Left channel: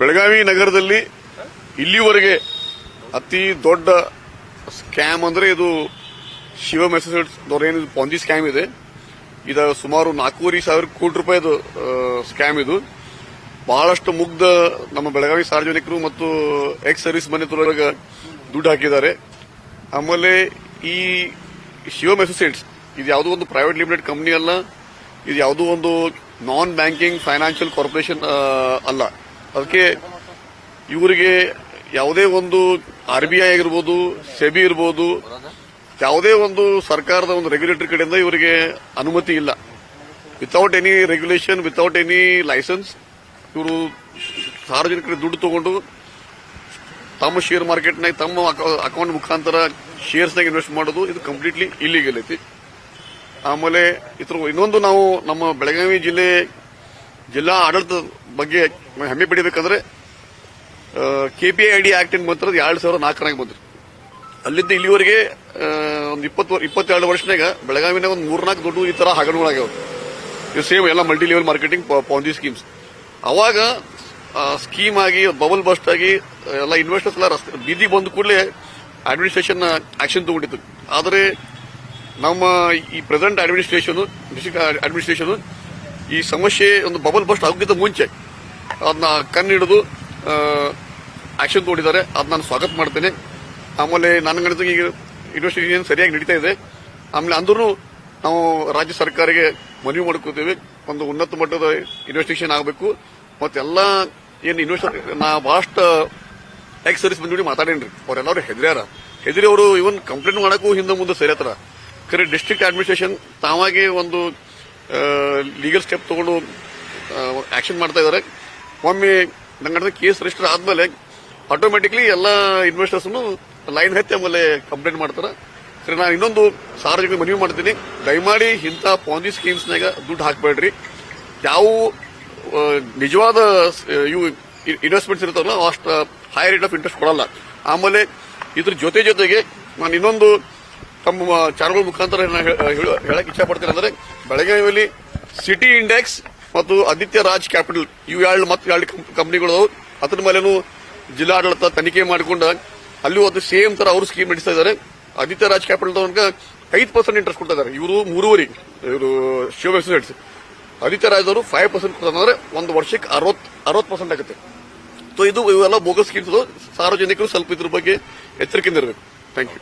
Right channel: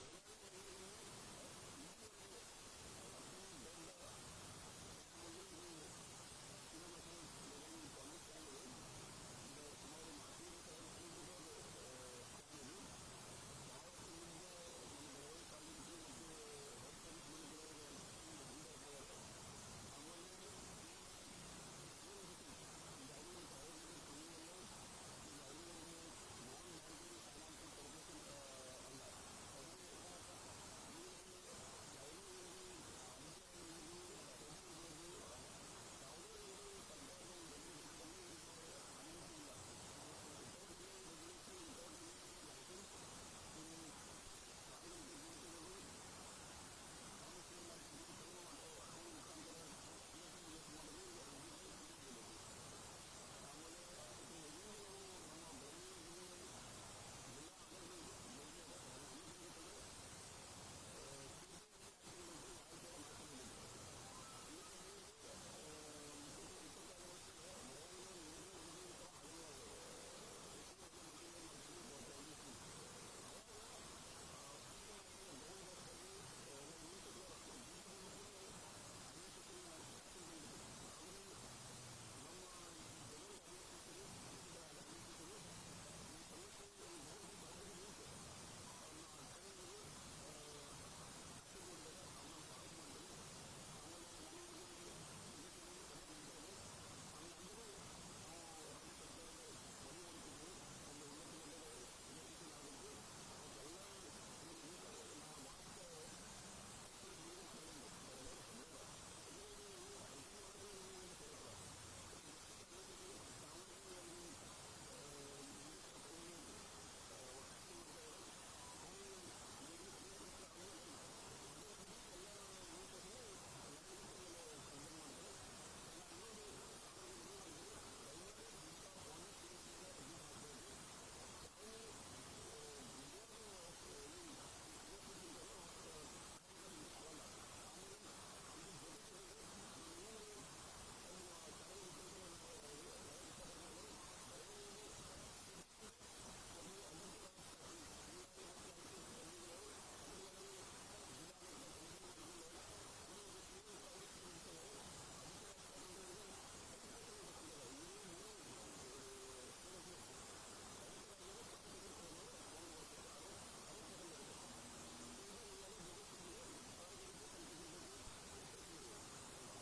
ಬೆಳಗಾವಿ ನಗರದಲ್ಲಿ ಇಲ್ಲಿವರೆಗೆ ಅತಿ ದೊಡ್ಡ ಸ್ಕ್ಯಾಮ್ ಅಂದ್ರೆ ಇದು ಶಿವಮ್ ಅಸೋಸಿಯೇಟ್ಸ್ ಏನು ಪಾಂಜಿ ಸ್ಕ್ಯಾಮ್ ಇದೆ. ಇದು ಸುಮಾರು 4,500 ಕೋಟಿ ರೂಪಾಯಿದು ಸ್ಕ್ಯಾಮ್. ಇದು ಬಹಳಷ್ಟು ಮುಗ್ಧ ನಮ್ಮ ಬೆಳಗಾವಿ ಸಾರ್ವಜನಿಕರು ಮತ್ತು ಎಕ್ಸ್ ಸರ್ವಿಸ್ ಮನೆತೊಳಗೆ ದುಡ್ಡು ಹಾಕಿದ್ದಾರೆ. ಆಮೇಲೆ ಈ ಶಿವಮ್ ಅಸೋಸಿಯೇಟ್ಸ್ ಇದು ಯಾವುದೋ ಒಂದು ಪ್ರೈವೇಟ್ ಲಿಮಿಟೆಡ್ ಕಂಪನಿ ಅಲ್ಲ, ಇದು ಯಾವುದೋ ಒಂದು ನಾನ್ ಬ್ಯಾಂಕಿಂಗ್ ಫೈನಾನ್ಷಿಯಲ್ ಕಾರ್ಪೊರೇಷನ್ ಅಲ್ಲ. ಅದಕ್ಕೆ ಇವರಿಗೆ ಯಾವುದೇ ಒಂದು RBI ಆಗಿರ್ಬೋದು, ಸೆಬಿ ಇರ್ಬೋದು, ಯಾವುದೇ ಒಂದು ಸರ್ಕಾರದ ಒಂದು ರೆಗ್ಯುಲೇಟರಿ ಕಡೆಯಿಂದ ಇವರಿಗೆ ಅನುಮತಿ ಇಲ್ಲ. Without any regulation, without any licence ಇವರು ಸಾರ್ವಜನಿಕರ ದುಡ್ಡು ತಗೊಂಡು ತಮ್ಮ ಶೇರ್ ಮಾರ್ಕೆಟ್ನಾಗ ತಮ್ಮ ಅಕೌಂಟ್ ಮುಖಾಂತರ ಶೇರ್ಸ್ನಾಗ ಇನ್ವೆಸ್ಟ್ ಮಾಡೋದು ಇದು ಕಂಪ್ಲೀಟ್ಲಿ ಇಲ್ಲಿಗಲ್ ಐತಿ. ಆಮೇಲೆ ಇನ್ನೊಂದು ನಾವು ನಮ್ಮ ಬೆಳಗಾವಿ ಜಿಲ್ಲಾ ಆಡಳಿತದ ಬಗ್ಗೆ ಹೆಮ್ಮೆ ಪಡಿಬೇಕಂದ್ರೆ KPID ಆಕ್ಟ್ ಏನ್ ಬಂತದ 2004 ಬಂದ್ರಿ. ಅಲ್ಲಿಂದ ಇಲ್ಲಿವರೆಗೆ ಒಂದು 22 ವರ್ಷನಾಗ ಬೆಳಗಾವಿನಾಗ ಒಂದು 3-4 ದೊಡ್ಡ ಈ ತರ ಹಗರಣಗಳಾಗ್ಯಾವ. ಇವು ಸೇಮ್ ಎಲ್ಲ multi level marketing Ponzi schemes. ಅವಾಗ ಸ್ಕೀಮ್ ಆಗಿ ಬಬಲ್ ಬಸ್ಟ್ ಆಗಿ ಎಲ್ಲ ಇನ್ವೆಸ್ಟರ್ಸ್ ಎಲ್ಲ ಬೀದಿ ಬಂದ ಕೂಡಲೇ ಅಡ್ಮಿನಿಸ್ಟ್ರೇಷನ್ ಆಕ್ಷನ್ ತಗೊಂಡಿತ್ತು. ಆದರೆ ನಮ್ಮ ಈ ಪ್ರೆಸೆಂಟ್ ಅಡ್ಮಿನಿಸ್ಟ್ರೇಷನ್, ಡಿಸ್ಟ್ರಿಕ್ಟ್ ಅಡ್ಮಿನಿಸ್ಟ್ರೇಷನ್ ಈ ಸಮಸ್ಯೆ ಒಂದು ಬಬಲ್ ಬಸ್ಟ್ ಆಗೋಕ್ಕಿಂತ ಮುಂಚೆ ಅದನ್ನ ಕಣ್ಣಿಡಿದು ಆಕ್ಷನ್ ತಗೊಂಡಿದ್ದಾರೆ. ಅದು ನಾನು ಸ್ವಾಗತ ಮಾಡ್ತೇನೆ. ಆಮೇಲೆ ನನ್ನ ಗಣಿತ ಈಗ ಇನ್ವೆಸ್ಟಿಗೇಷನ್ ಸರಿಯಾಗಿ ನಡೀತಾ ಇದೆ. ಆಮೇಲೆ ಅಂದ್ರೂ ನಾವು ರಾಜ್ಯ ಸರ್ಕಾರಕ್ಕೆ ಮನವಿ ಮಾಡ್ಕೋತೀವಿ, ಒಂದು ಉನ್ನತ ಮಟ್ಟದ ಇನ್ವೆಸ್ಟಿಗೇಷನ್ ಆಗಬೇಕು. ಮತ್ತೆಲ್ಲ ಏನು ಇನ್ವೆಸ್ಟರ್ ನಾ ಬಹಳಷ್ಟು ಎಕ್ಸ್ ಸರ್ವಿಸ್ ಬಂದಿ ಮಾತಾಡೇನ್ರಿ, ಅವರೆಲ್ಲರೂ ಹೆದರಿ ಅವರು ಇವನ್ ಕಂಪ್ಲೇಂಟ್ ಮಾಡಕ್ಕೂ ಹಿಂದೆ ಮುಂದೆ ಸೇರತ್ತಾರ. ಖರೆ ಡಿಸ್ಟ್ರಿಕ್ಟ್ ಅಡ್ಮಿನಿಸ್ಟ್ರೇಷನ್ ತಾವಾಗೆ ಒಂದು ಲೀಗಲ್ ಸ್ಟೆಪ್ ತಗೊಂಡು ಆಕ್ಷನ್ ಮಾಡ್ತಾ ಇದ್ದಾರೆ. ಒಮ್ಮೆ ನಂಗೆ ಕೇಸ್ ರಿಜಿಸ್ಟರ್ ಆದ್ಮೇಲೆ ಆಟೋಮೆಟಿಕ್ಲಿ ಎಲ್ಲ ಇನ್ವೆಸ್ಟರ್ಸ್ ಲೈನ್ ಹತ್ತಿ ಆಮೇಲೆ ಕಂಪ್ಲೇಂಟ್ ಮಾಡ್ತಾರೆ. ಸರಿ, ನಾನು ಇನ್ನೊಂದು ಸಾರ್ವಜನಿಕ ಮನವಿ ಮಾಡ್ತೀನಿ, ದಯಮಾಡಿ ಇಂಥ ಪಾಂಜಿ ಸ್ಕೀಮ್ಸ್ನಾಗ ದುಡ್ಡು ಹಾಕಬೇಡ್ರಿ. ಯಾವ ನಿಜವಾದ ಇವು ಇನ್ವೆಸ್ಟ್ಮೆಂಟ್ಸ್ ಇರ್ತಾವಲ್ಲ ಅಷ್ಟು ಹೈ ರೇಟ್ ಆಫ್ ಇಂಟ್ರೆಸ್ಟ್ ಕೊಡಲ್ಲ. ಆಮೇಲೆ ಇದ್ರ ಜೊತೆಗೆ ನಾನು ಇನ್ನೊಂದು ತಮ್ಮ ಚಾನಲ್ ಮುಖಾಂತರ ಹೇಳಕ್ ಇಚ್ಛೆ ಪಡ್ತೀನಿ. ಅಂದ್ರೆ ಬೆಳಗಾವಿಯಲ್ಲಿ ಸಿಟಿ ಇಂಡೆಕ್ಸ್ ಮತ್ತು ಆದಿತ್ಯ ರಾಜ್ ಕ್ಯಾಪಿಟಲ್ ಇವು ಎರಡು ಕಂಪನಿಗಳು ಅದ್ರ ಮೇಲೇನು ಜಿಲ್ಲಾಡಳಿತ ತನಿಖೆ ಮಾಡಿಕೊಂಡ ಅಲ್ಲಿ ಒಂದು ಸೇಮ್ ತರ ಅವರು ಸ್ಕೀಮ್ ನಡೆಸ್ತಾ ಇದ್ದಾರೆ. ಆದಿತ್ಯ ರಾಜ್ ಕ್ಯಾಪಿಟಲ್ ತನಕ 5% ಇಂಟ್ರೆಸ್ಟ್ ಕೊಡ್ತಾ ಇದ್ದಾರೆ. ಇವರು 3.5 ಇವರು ಶಿವ ಅಸೋಸಿಯೇಟ್ಸ್. ಆದಿತ್ಯ ರಾಜ್ ಅವರು 5% ಕೊಡ್ತಾರೆ. ಒಂದು ವರ್ಷಕ್ಕೆ 60% ಆಗುತ್ತೆ. ಸೊ ಇವೆಲ್ಲ ಬೋಗಸ್ ಸ್ಕೀಮ್ಸ್. ಸಾರ್ವಜನಿಕರು ಸ್ವಲ್ಪ ಇದ್ರ ಬಗ್ಗೆ ಎಚ್ಚರಿಕೆಯಿಂದ ಇರಬೇಕು. Thank you.